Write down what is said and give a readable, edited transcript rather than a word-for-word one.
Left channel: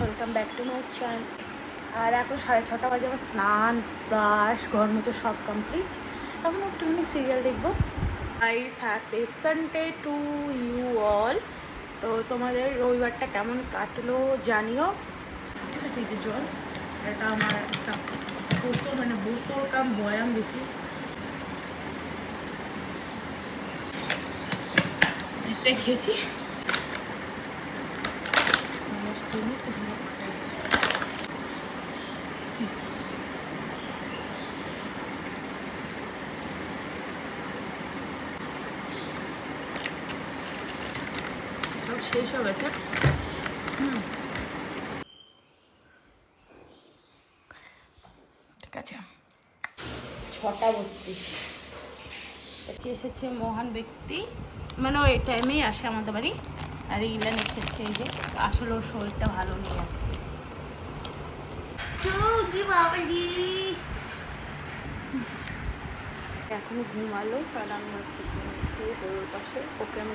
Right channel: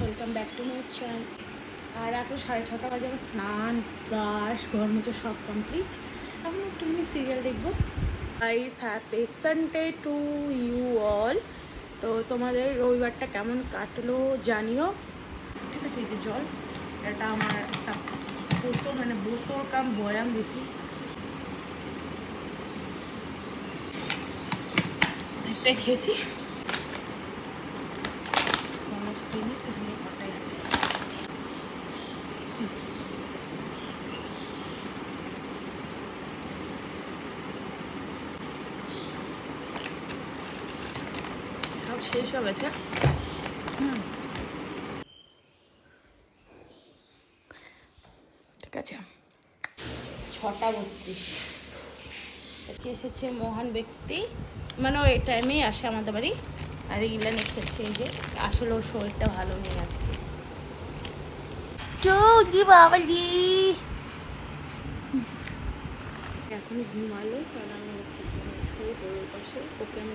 Welcome back to my channel. আর এখন 6:30 বাজে, আমার স্নান ব্রাশ ঘর মুছে সব কমপ্লিট। এখন একটুখানি সিরিয়াল দেখবো। Guys, happy Sunday to you all. তো তোমাদের রবিবারটা কেমন কাটলো জানিও, ঠিক আছে? এই যে জল, এটা আমার একটা বোতল, মানে বোতল কাম বয়াম বেশি, একটা খেয়েছি। সব শেষ হয়ে গেছে। ঠিক আছে, 6:32 এসেছে মহান ব্যক্তি, মানে ওই টাইমেই আসে আমাদের বাড়ি। আর ইলানে খেয়েছে, এই যে আসলে ওর শরীরটা ভালো নেই আজকে। বাবালি এখন ঘুমালো, কারণ আমি হচ্ছে শুয়ে পড়ে ওর পাশে, ওকে আমি